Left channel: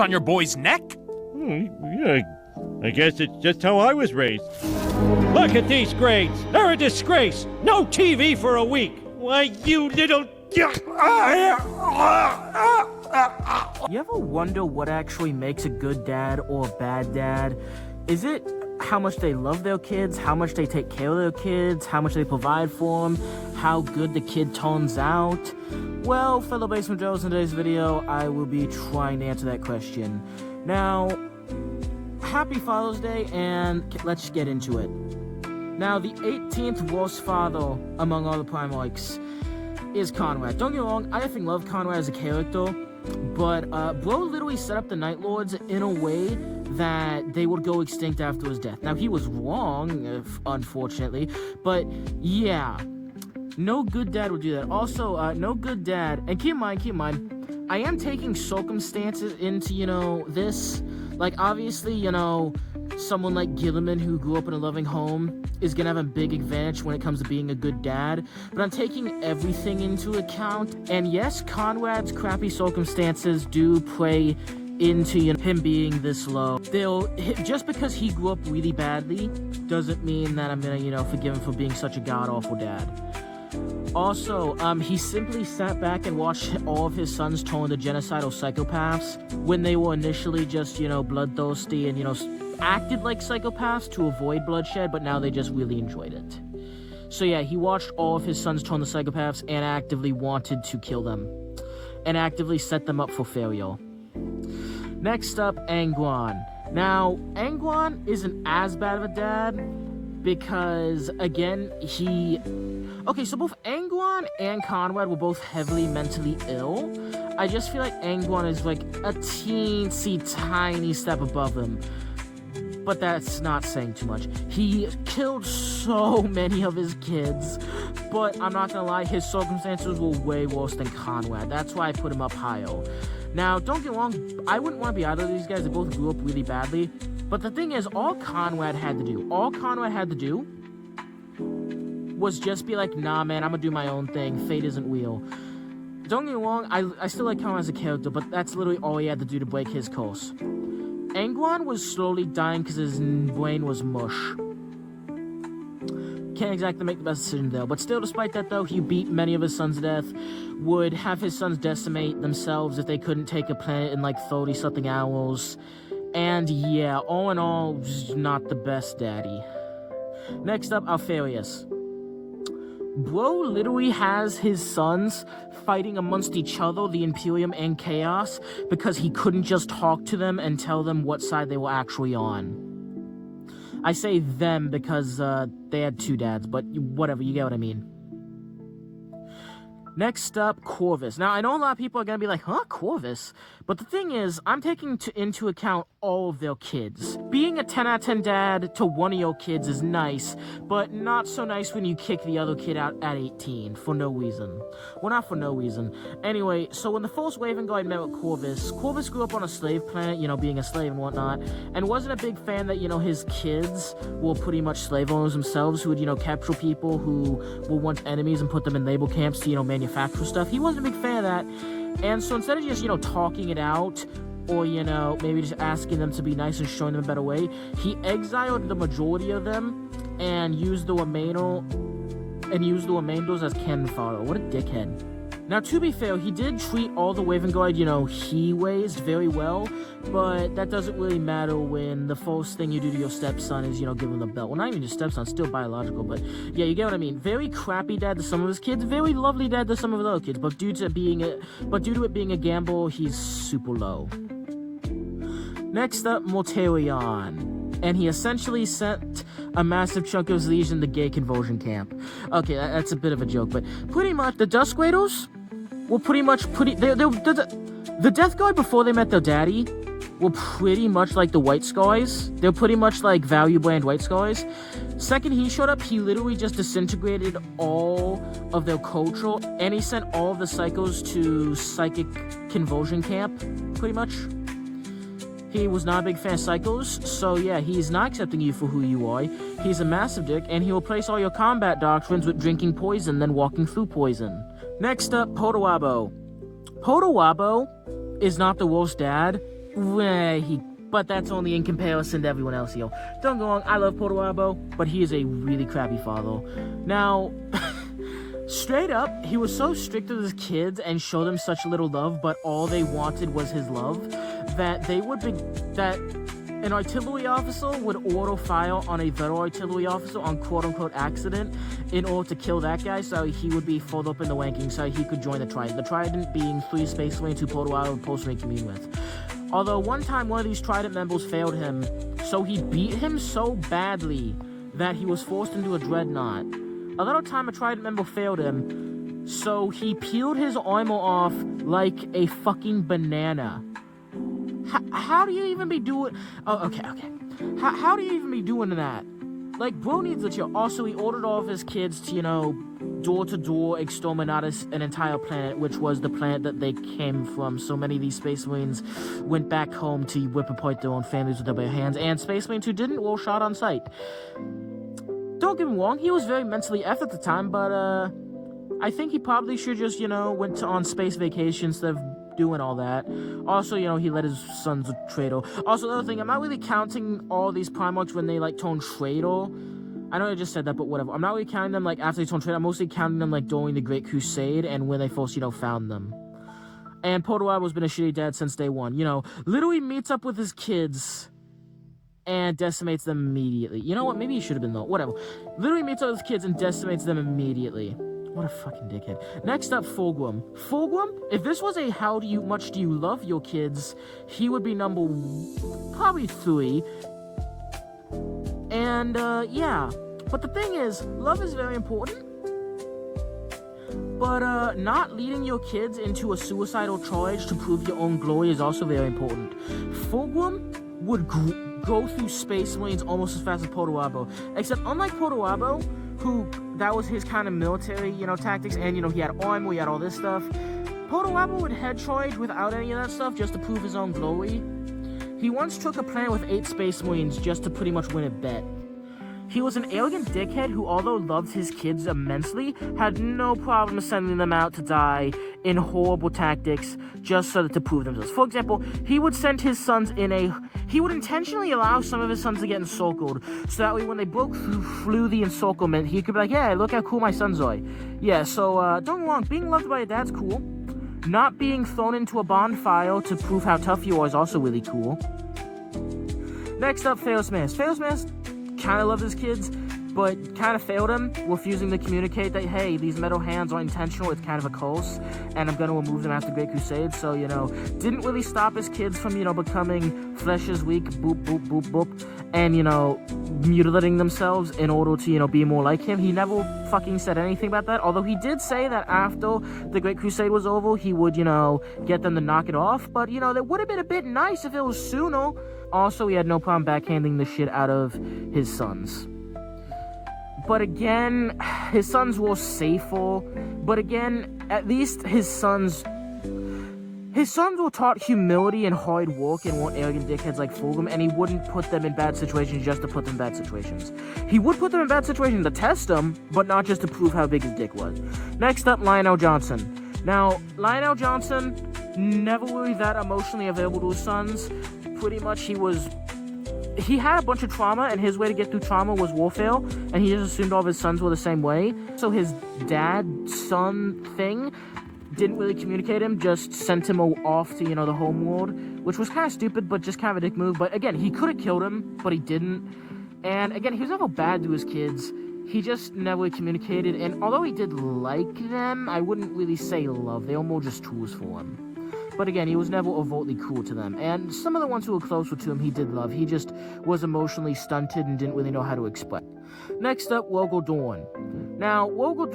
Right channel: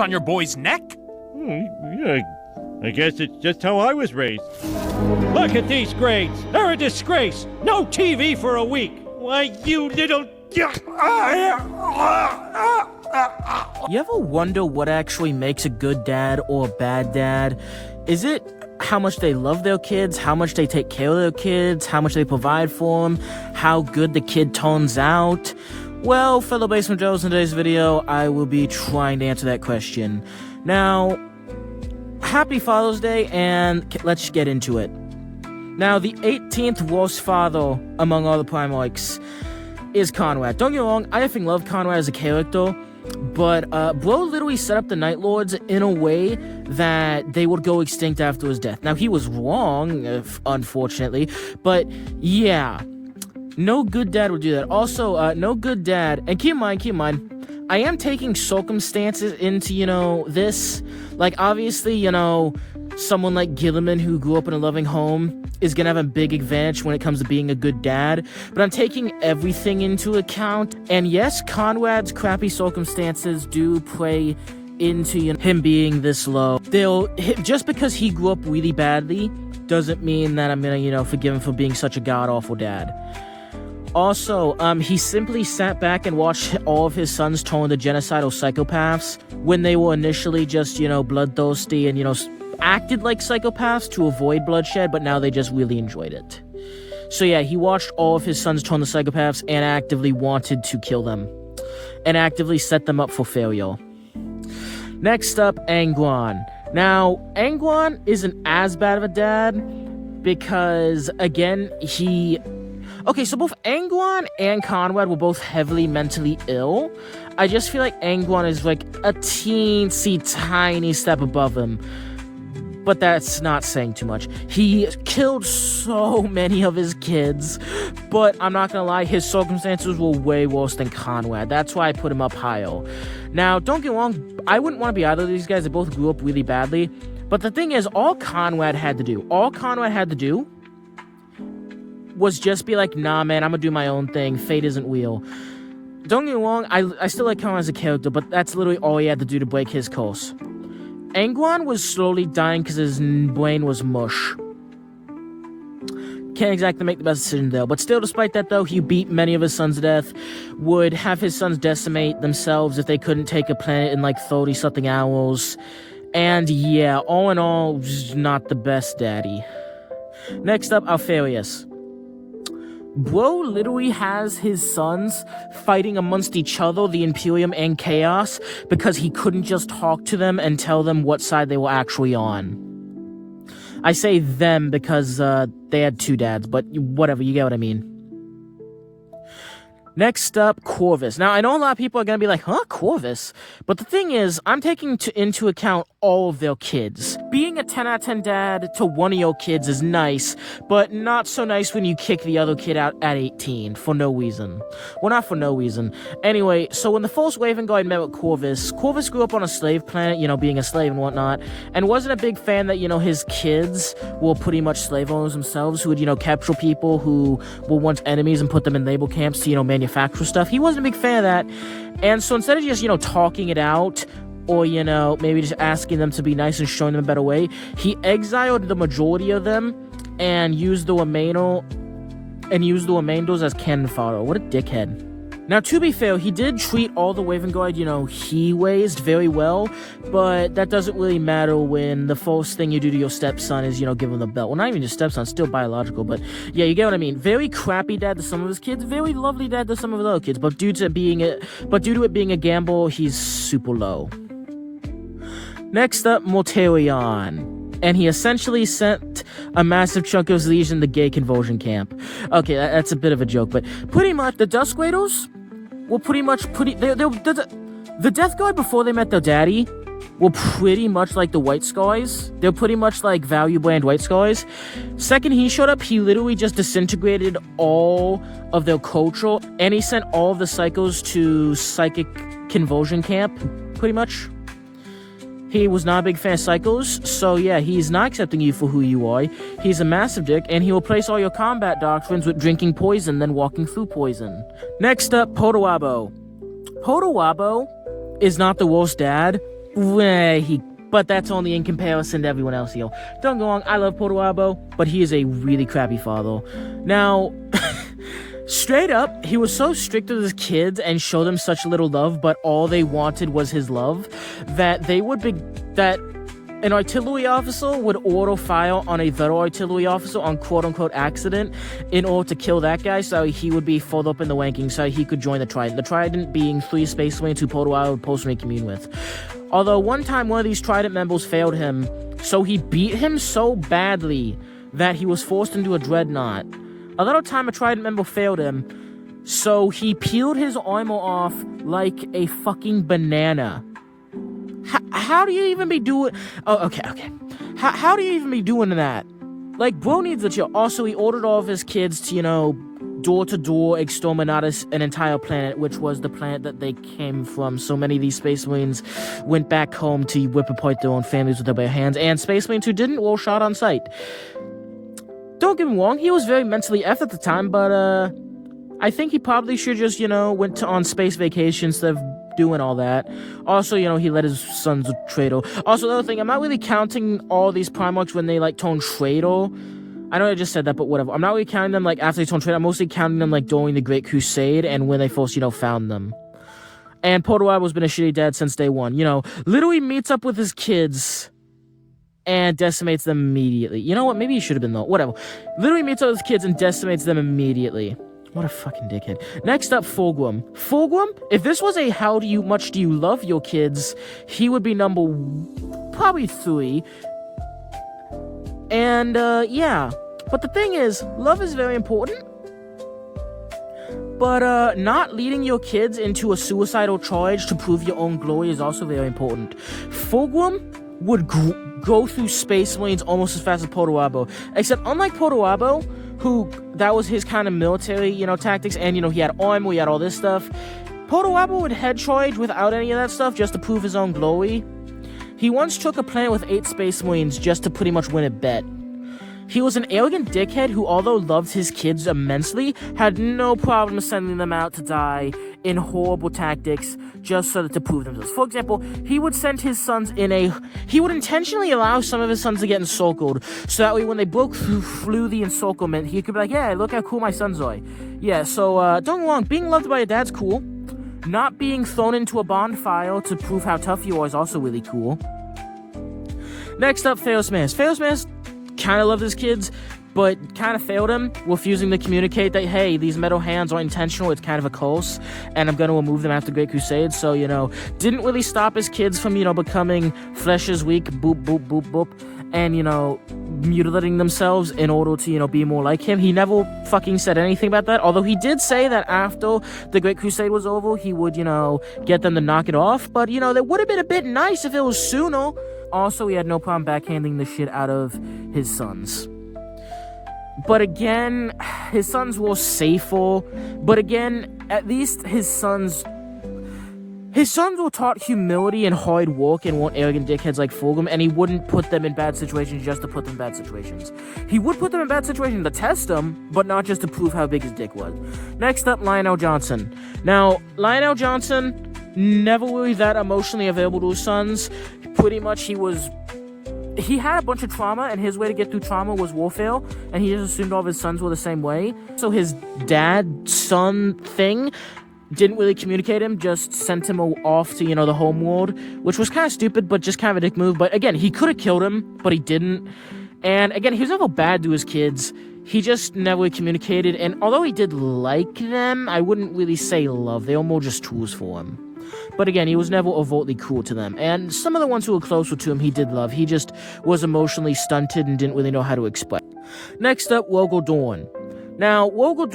on your boy's neck? Yeah, I guess it's just how I was raised. Look at these grades. They're a disgrace. No TV for a week. Why, you little... You ever wonder what actually makes a good dad or a bad dad? Is it how much they love their kids, how much they take care of their kids, how much they provide for them, how good the kid turns out? Well, fellow Basement Joes, in today's video, I will be trying to answer that question. Now, happy Father's Day, and let's get into it. Now, the 18th worst father among all the Primarks is Conrad. Don't get me wrong, I effing love Conrad as a character, but bro literally set up the Night Lords in a way that they would go extinct after his death. Now, he was wrong, unfortunately, but yeah, no good dad would do that. Also, no good dad, and keep in mind, I am taking circumstances into, this. Like, obviously, someone like Gilliman who grew up in a loving home is gonna have a big advantage when it comes to being a good dad, but I'm taking everything into account, and yes, Conrad's crappy circumstances do play into him being this low. Just because he grew up really badly doesn't mean that I'm gonna, forgive him for being such a god-awful dad. Also, he simply sat back and watched all of his sons turn into genocidal psychopaths when they were initially just, bloodthirsty and, acted like psychopaths to avoid bloodshed, but now they just really enjoyed it. So yeah, he watched all of his sons turn to psychopaths and actively wanted to kill them, and actively set them up for failure. Next up, Angwan. Now, Angwan isn't as bad of a dad, because, again, okay, so both Angwan and Conrad were both heavily mentally ill. I just feel like Angwan is like a teensy tiny step above him, but that's not saying too much. He killed so many of his kids, but I'm not gonna lie, his circumstances were way worse than Conrad. That's why I put him up higher. Now, don't get me wrong, I wouldn't want to be either of these guys. They both grew up really badly, but the thing is, all Conrad had to do was just be like, nah, man, I'm gonna do my own thing. Fate isn't real. Don't get me wrong, I still like Conrad as a character, but that's literally all he had to do to break his curse. Angwan was slowly dying because his brain was mush. Can't exactly make the best decision, though. But still, despite that, though, he beat many of his sons to death, would have his sons decimate themselves if they couldn't take a planet in, like, 30-something hours. And, yeah, all in all, not the best daddy. Next up, Alfarius. Bro literally has his sons fighting amongst each other, the Imperium and Chaos, because he couldn't just talk to them and tell them what side they were actually on. I say them because they had two dads, but whatever, you get what I mean. Next up, Corvus. Now, I know a lot of people are going to be like, huh, Corvus? But the thing is, I'm taking into account all of their kids. Being a 10 out of 10 dad to one of your kids is nice, but not so nice when you kick the other kid out at 18 for no reason. Well, not for no reason. Anyway, so when the first Raven Guard met with Corvus grew up on a slave planet, being a slave and whatnot, and wasn't a big fan that, his kids were pretty much slave owners themselves who would, capture people who were once enemies and put them in labor camps to, manufacture stuff. He wasn't a big fan of that. And so instead of just, talking it out, or, maybe just asking them to be nice and showing them a better way, he exiled the majority of them and used the remainders as cannon fodder. What a dickhead. Now, to be fair, he did treat all the Raven Guard, he raised very well, but that doesn't really matter when the first thing you do to your stepson is, give him the belt. Well, not even your stepson, still biological, but yeah, you get what I mean. Very crappy dad to some of his kids, very lovely dad to some of his other kids, but due to it being a gamble, he's super low. Next up, Mortarion. And he essentially sent a massive chunk of his legion to gay conversion camp. Okay, that's a bit of a joke, but pretty much the Dusk Raiders were pretty much the Death Guard before they met their daddy were pretty much like the White Skies. They're pretty much like Value Brand White Skies. Second he showed up, he literally just disintegrated all of their culture, and he sent all of the psychos to psychic conversion camp, pretty much. He was not a big fan of psychos, so yeah, he's not accepting you for who you are. He's a massive dick, and he will replace all your combat doctrines with drinking poison, then walking through poison. Next up, Potawabo. Potawabo is not the worst dad, But that's only in comparison to everyone else, yo. Don't go wrong, I love Portawabo, but he is a really crappy father. Now, straight up, he was so strict with his kids and showed them such little love, but all they wanted was his love, that an artillery officer would auto fire on a fellow artillery officer on quote-unquote accident in order to kill that guy, so he would be further up in the rankings, so he could join the Trident. The Trident being 3 Space Marines who Portawabo would personally commune with. Although one time one of these Trident members failed him, so he beat him so badly that he was forced into a dreadnought. Another time a Trident member failed him, so he peeled his armor off like a fucking banana. How do you even be doing... Oh, okay. How do you even be doing that? Like, bro needs to chill. Also, he ordered all of his kids to, door-to-door exterminate an entire planet, which was the planet that they came from. So many of these Space Marines went back home to whip apart their own families with their bare hands, and Space Marines who didn't were shot on sight. Don't get me wrong, he was very mentally F at the time, but, I think he probably should just, went on space vacation instead of doing all that. Also, he let his sons traitor. Also, the other thing, I'm not really counting all these Primarks when they, turn traitor. I know I just said that, but whatever. I'm not really counting them, after they turn traitor. I'm mostly counting them, during the Great Crusade and when they first, found them. And Portawabo's been a shitty dad since day one. Literally meets up with his kids and decimates them immediately. You know what? Maybe he should have been, though. Whatever. Literally meets up with his kids and decimates them immediately. What a fucking dickhead. Next up, Fulgrim. Fulgrim, if this was a how much do you love your kids, he would be probably 3. And, yeah. But the thing is, love is very important. But, not leading your kids into a suicidal charge to prove your own glory is also very important. Fulgrim would go through Space Marines almost as fast as Portawabo. Except, unlike Portawabo, who, that was his kind of military, tactics, and, he had armor, he had all this stuff. Portawabo would head charge without any of that stuff just to prove his own glory. He once took a planet with 8 Space Marines just to pretty much win a bet. He was an arrogant dickhead who, although loved his kids immensely, had no problem sending them out to die in horrible tactics just so that to prove themselves. For example, he would send his sons he would intentionally allow some of his sons to get encircled, so that way when they flew the encirclement, he could be like, yeah, look how cool my sons are. Yeah, so, don't get me wrong, being loved by your dad's cool. Not being thrown into a bonfire to prove how tough you are is also really cool. Next up, Pharos-Manus. Pharos-Manus kind of loved his kids, but kind of failed him, refusing to communicate that, hey, these metal hands aren't intentional, it's kind of a curse, and I'm going to remove them after the Great Crusade. So, didn't really stop his kids from, becoming flesh is weak, boop, boop, boop, boop, and, mutilating themselves in order to, be more like him. He never fucking said anything about that, although he did say that after the Great Crusade was over, he would, get them to knock it off, but, that would have been a bit nice if it was sooner. Also, he had no problem backhanding the shit out of his sons. But again, his sons were safer. But again, at least his sons were taught humility and hard work and weren't arrogant dickheads like Fulgrim, and he wouldn't put them in bad situations just to put them in bad situations. He would put them in bad situations to test them, but not just to prove how big his dick was. Next up, Lionel Johnson. Now, Lionel Johnson, never really that emotionally available to his sons. Pretty much he had a bunch of trauma, and his way to get through trauma was warfare, and he just assumed all of his sons were the same way. So his dad-son thing didn't really communicate him, just sent him off to, the home world, which was kind of stupid, but just kind of a dick move. But again, he could have killed him, but he didn't. And again, he was never bad to his kids. He just never really communicated, and although he did like them, I wouldn't really say love. They were more just tools for him. But again, he was never overtly cruel to them. And some of the ones who were closer to him, he did love. He just was emotionally stunted and didn't really know how to express. Next up, Rogel Dorn. Now, Rogel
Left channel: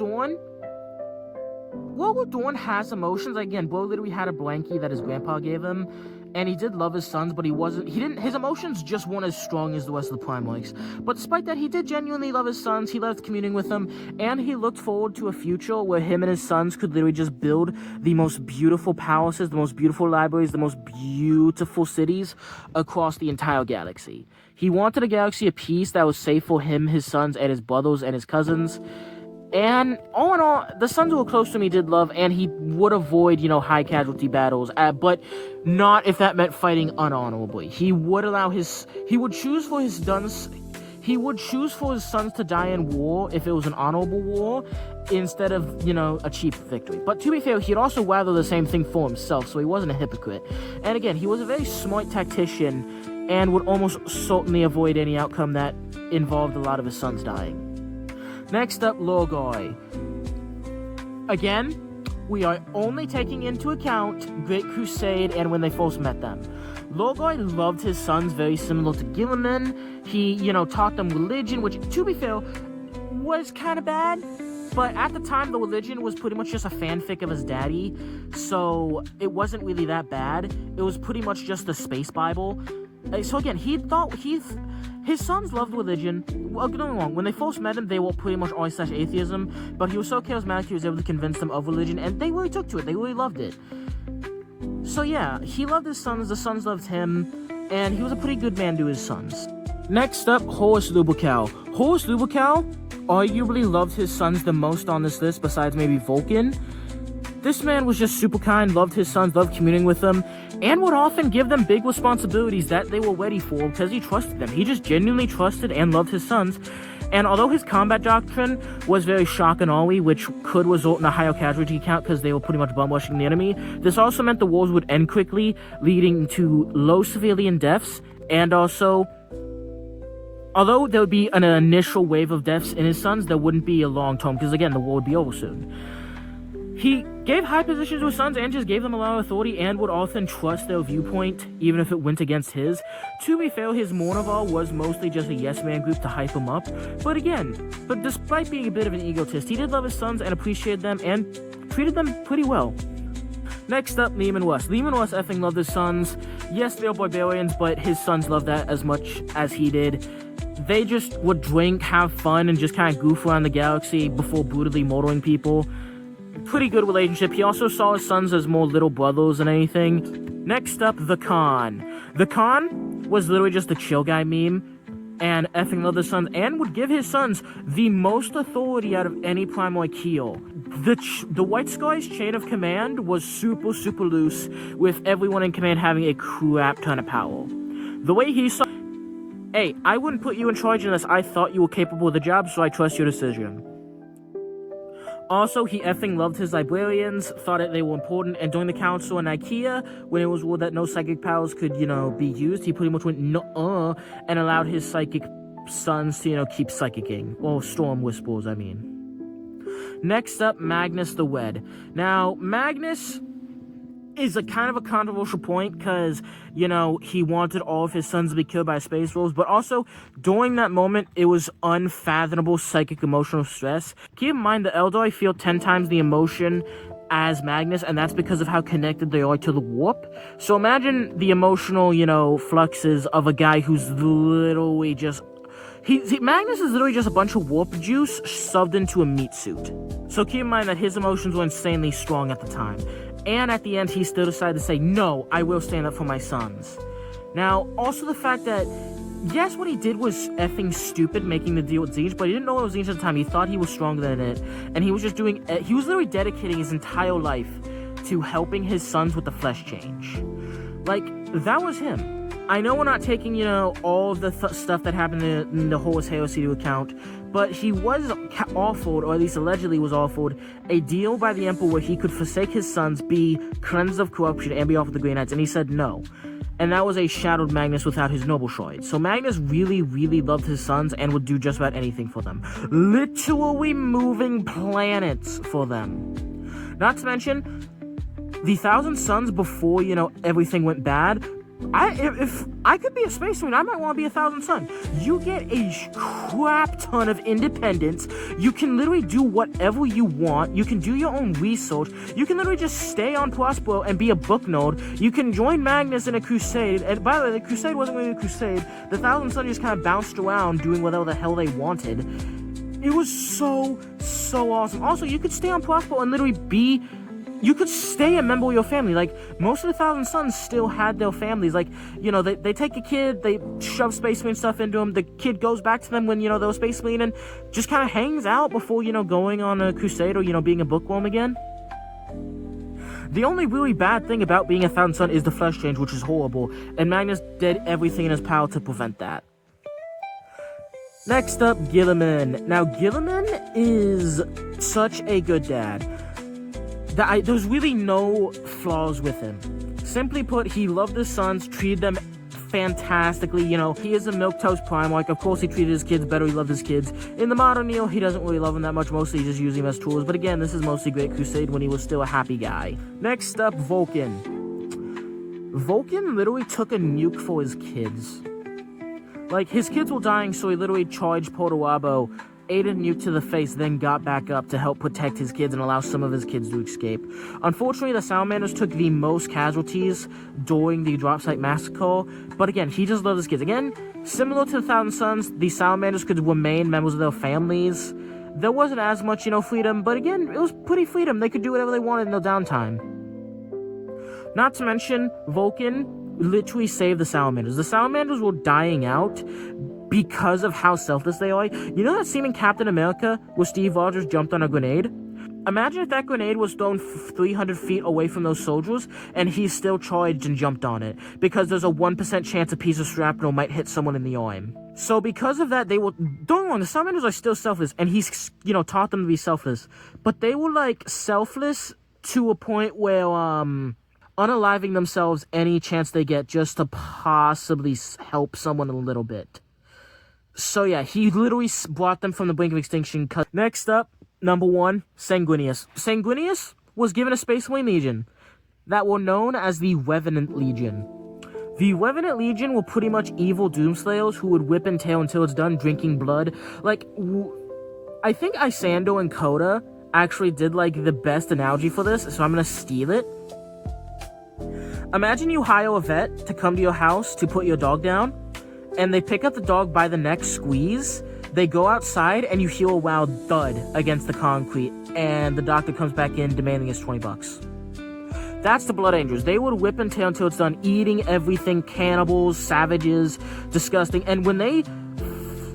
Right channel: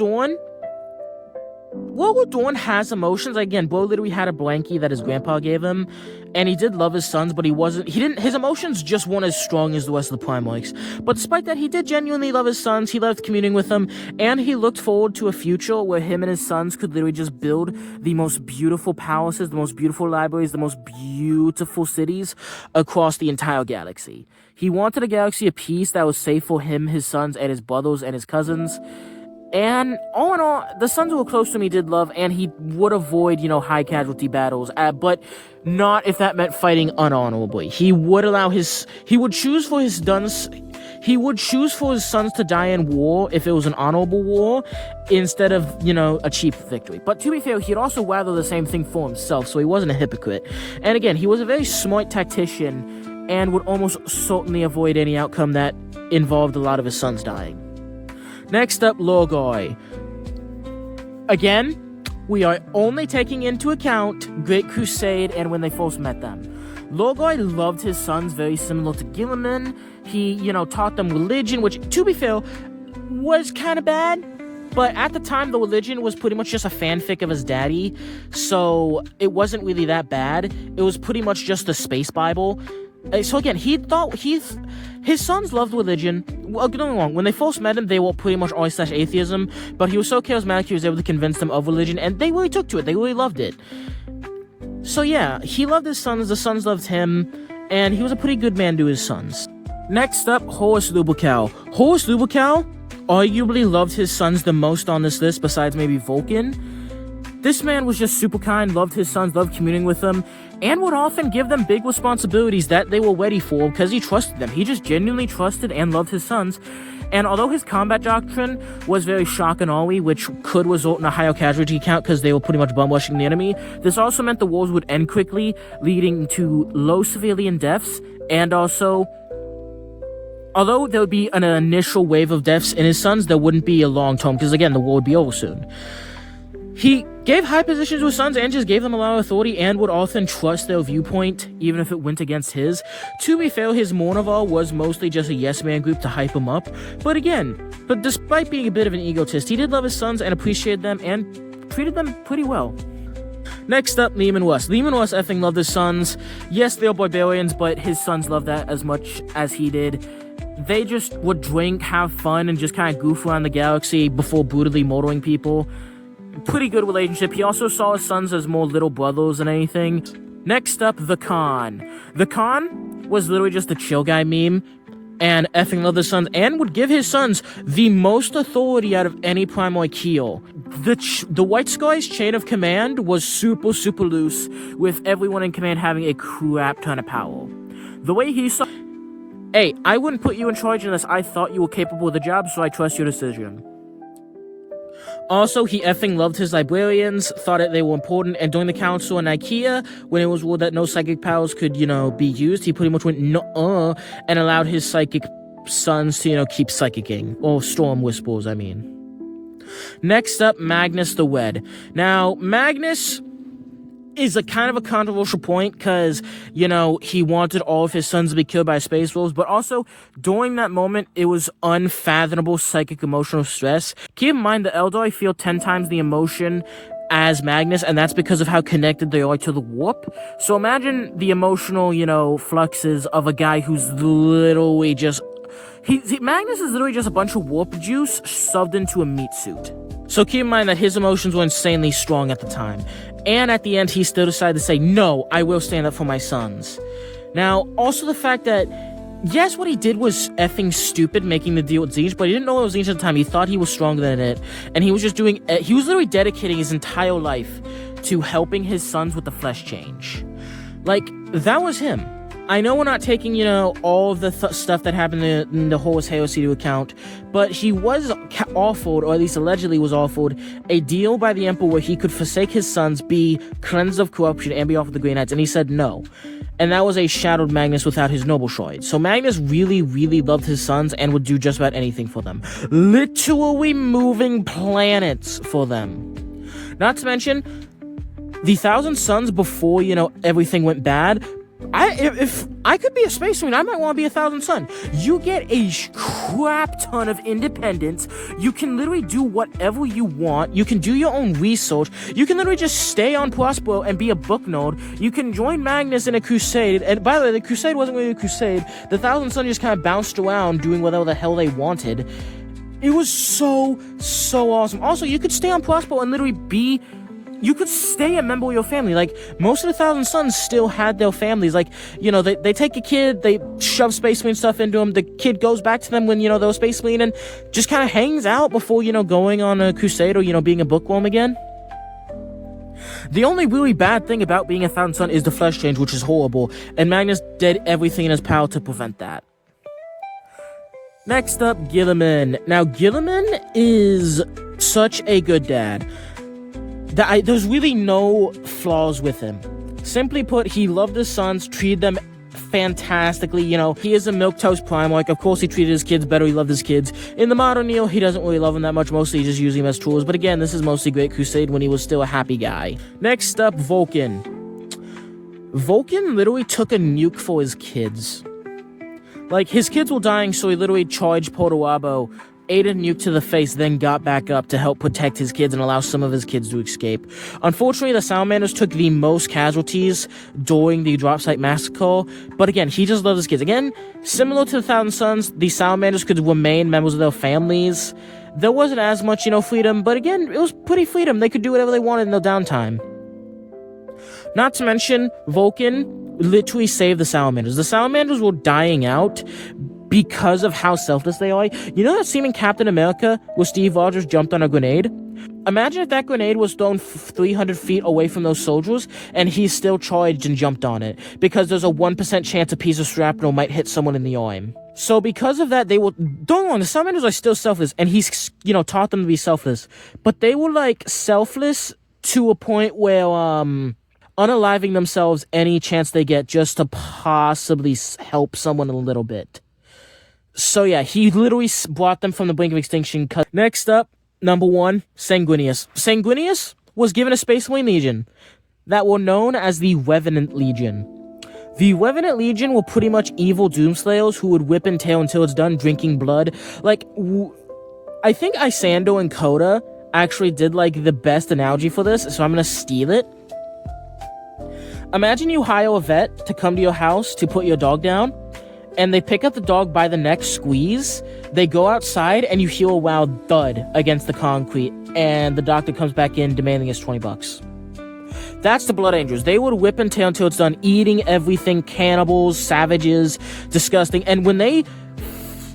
Dorn has emotions. Again, Bo literally had a blankie that his grandpa gave him, and he did love his sons, but his emotions just weren't as strong as the rest of the Primarchs. But despite that, he did genuinely love his sons, he loved communing with them, and he looked forward to a future where him and his sons could literally just build the most beautiful palaces, the most beautiful libraries, the most beautiful cities across the entire galaxy. He wanted a galaxy of peace that was safe for him, his sons, and his brothers, and his cousins. And all in all, the sons who were close to him he did love, and he would avoid, high casualty battles, but not if that meant fighting unhonorably. He would choose for his sons to die in war if it was an honorable war, instead of, a cheap victory. But to be fair, he'd also rather the same thing for himself, so he wasn't a hypocrite. And again, he was a very smart tactician, and would almost certainly avoid any outcome that involved a lot of his sons dying. Next up, Lorgoy. Again, we are only taking into account Great Crusade and when they first met them. Lorgoy loved his sons very similar to Gilliman. He, taught them religion, which, to be fair, was kind of bad. But at the time, the religion was pretty much just a fanfic of his daddy, so it wasn't really that bad. It was pretty much just the space Bible. So again, his sons loved religion. Well, don't get me wrong, when they first met him, they were pretty much atheism, but he was so charismatic, he was able to convince them of religion, and they really took to it. They really loved it. So yeah, he loved his sons, the sons loved him, and he was a pretty good man to his sons. Next up, Horus Lupercal. Horus Lupercal arguably loved his sons the most on this list, besides maybe Vulcan. This man was just super kind, loved his sons, loved communing with them, and would often give them big responsibilities that they were ready for because he trusted them. He just genuinely trusted and loved his sons. And although his combat doctrine was very shock and awe, which could result in a higher casualty count because they were pretty much bum-rushing the enemy, this also meant the wars would end quickly, leading to low civilian deaths, and also, although there would be an initial wave of deaths in his sons, there wouldn't be a long-term, because again, the war would be over soon. He gave high positions to his sons and just gave them a lot of authority and would often trust their viewpoint, even if it went against his. To be fair, his Mournival was mostly just a yes-man group to hype him up. But despite being a bit of an egotist, he did love his sons and appreciated them and treated them pretty well. Next up, Lehman Russ. Lehman Russ effing loved his sons. Yes, they were barbarians, but his sons loved that as much as he did. They just would drink, have fun, and just kind of goof around the galaxy before brutally murdering people. Pretty good relationship. He also saw his sons as more little brothers than anything. Next up, the Khan. The Khan was literally just the chill guy meme, and effing loved his sons, and would give his sons the most authority out of any Primark heel. The White Sky's chain of command was super, super loose, with everyone in command having a crap ton of power. The way he saw... Hey, I wouldn't put you in charge unless I thought you were capable of the job, so I trust your decision. Also, he effing loved his librarians, thought that they were important, and during the council in Ikea, when it was ruled that no psychic powers could, be used, he pretty much went no and allowed his psychic sons to, keep psychicking. Or storm whispers, I mean. Next up, Magnus the Wed. Now, Magnus is a kind of a controversial point because, he wanted all of his sons to be killed by space wolves, but also, during that moment, it was unfathomable psychic emotional stress. Keep in mind, the Eldar feel 10 times the emotion as Magnus, and that's because of how connected they are to the warp. So imagine the emotional, fluxes of a guy who's literally just... Magnus is literally just a bunch of warp juice shoved into a meat suit. So keep in mind that his emotions were insanely strong at the time. And at the end, he still decided to say, no, I will stand up for my sons. Now, also the fact that, yes, what he did was effing stupid, making the deal with Zinj, but he didn't know it was Zinj at the time. He thought he was stronger than it. And he was just he was literally dedicating his entire life to helping his sons with the flesh change. That was him. I know we're not taking, all of the stuff that happened in the Horus Heresy to account, but he was offered, or at least allegedly was offered, a deal by the Emperor where he could forsake his sons, be cleansed of corruption, and be offered the Grey Knights, and he said no. And that was a shadowed Magnus without his noble shard. So Magnus really, really loved his sons and would do just about anything for them. Literally moving planets for them. Not to mention, the Thousand Sons before, everything went bad... If I could be a space marine, I might want to be a Thousand Son. You get a crap ton of independence. You can literally do whatever you want. You can do your own research. You can literally just stay on Prospero and be a book nerd. You can join Magnus in a crusade. And by the way, the crusade wasn't really a crusade. The Thousand Son just kind of bounced around doing whatever the hell they wanted. It was so, so awesome. Also, you could stay on Prospero and literally be... you could stay a member of your family. Like, most of the Thousand Sons still had their families. Like, you know, they take a kid, they shove Space Marine stuff into them, the kid goes back to them when, you know, they're Space Marine, and just kind of hangs out before, you know, going on a crusade or, you know, being a bookworm again. The only really bad thing about being a Thousand Son is the flesh change, which is horrible, and Magnus did everything in his power to prevent that. Next up, Gilliman. Now, Gilliman is such a good dad. There's really no flaws with him. Simply put, he loved his sons, treated them fantastically. You know, he is a milquetoast Primark. Of course, he treated his kids better. He loved his kids. In the modern Neo, he doesn't really love them that much. Mostly, he just uses them as tools. But again, this is mostly Great Crusade when he was still a happy guy. Next up, Vulcan. Vulcan literally took a nuke for his kids. Like, his kids were dying, so he literally charged Portawabo, ate a nuke to the face, then got back up to help protect his kids and allow some of his kids to escape. Unfortunately, the Salamanders took the most casualties during the drop site massacre, but again, he just loved his kids. Again, similar to the Thousand Sons, the Salamanders could remain members of their families. There wasn't as much, you know, freedom, but again, it was pretty freedom. They could do whatever they wanted in their downtime. Not to mention, Vulcan literally saved the Salamanders. The Salamanders were dying out because of how selfless they are. You know that scene in Captain America where Steve Rogers jumped on a grenade? Imagine if that grenade was thrown 300 feet away from those soldiers and he still charged and jumped on it, because there's a 1% chance a piece of shrapnel might hit someone in the arm. So because of that, they were, don't worry, the Salamanders are still selfless, and he's, you know, taught them to be selfless. But they were, like, selfless to a point where, unaliving themselves any chance they get just to possibly help someone a little bit. So yeah, he literally brought them from the brink of extinction. Next up, number 1, Sanguinius. Sanguinius was given a Space Marine Legion that were known as the Revenant Legion. The Revenant Legion were pretty much evil Doomslayers who would whip and tail until it's done drinking blood. Like, I think Isando and Coda actually did, like, the best analogy for this, so I'm gonna steal it. Imagine you hire a vet to come to your house to put your dog down, and they pick up the dog by the neck, squeeze, they go outside, and you hear a loud thud against the concrete, and the doctor comes back in demanding his $20. That's the Blood Angels. They would whip and tail until it's done, eating everything, cannibals, savages, disgusting, and when they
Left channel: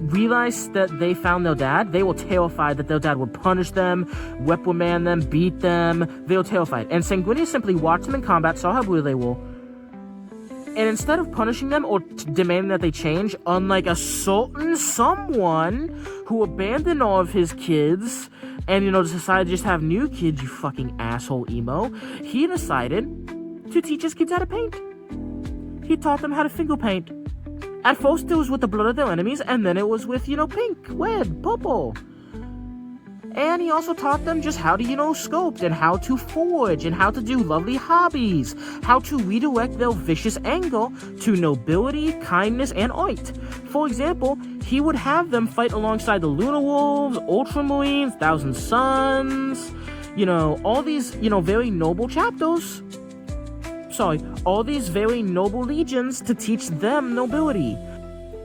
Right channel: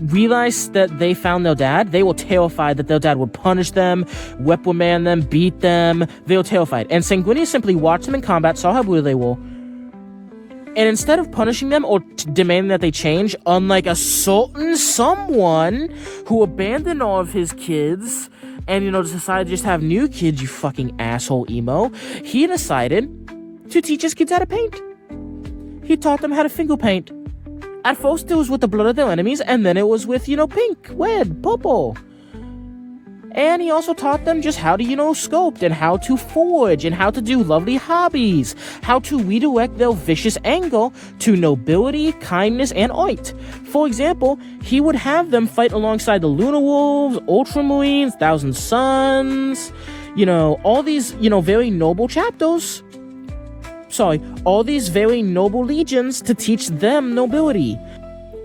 realized that they found their dad, they were terrified that their dad would punish them, reprimand them, beat them. They were terrified. And Sanguinius simply watched them in combat, saw how brutal they were, and instead of punishing them or demanding that they change, unlike a certain someone who abandoned all of his kids and, you know, decided to just have new kids, you fucking asshole emo, he decided to teach his kids how to paint. He taught them how to finger paint. At first, it was with the blood of their enemies, and then it was with, you know, pink, red, purple. And he also taught them just how to, you know, sculpt, and how to forge, and how to do lovely hobbies, how to redirect their vicious anger to nobility, kindness, and art. For example, he would have them fight alongside the Lunar Wolves, Ultramarines, Thousand Sons, you know, all these, you know, very noble chapters. All these very noble legions to teach them nobility.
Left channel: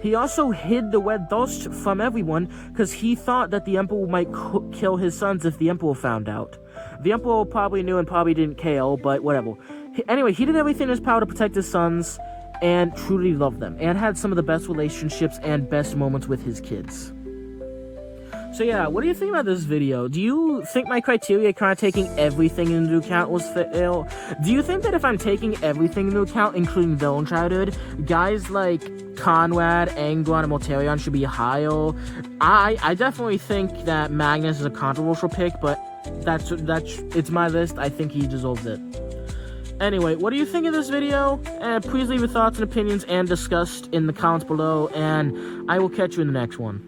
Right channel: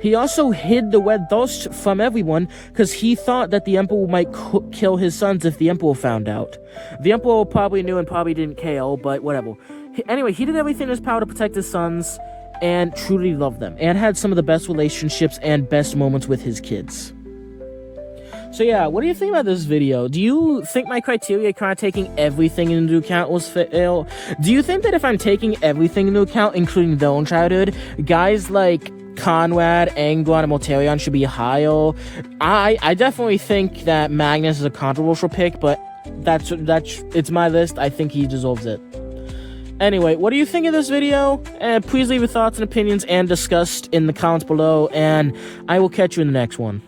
He also hid the red thirst from everyone because he thought that the Emperor might kill his sons if the Emperor found out. The Emperor probably knew and probably didn't care, but whatever. Anyway, he did everything in his power to protect his sons and truly loved them, and had some of the best relationships and best moments with his kids. So yeah, what do you think about this video? Do you think my criteria kind of taking everything into account was fail? Do you think that if I'm taking everything into account, including their own childhood, guys like Conrad, Angron, and Mortarion should be higher? I definitely think that Magnus is a controversial pick, but that's it's my list. I think he deserves it. Anyway, what do you think of this video? Please leave your thoughts and opinions and discuss in the comments below, and I will catch you in the next one.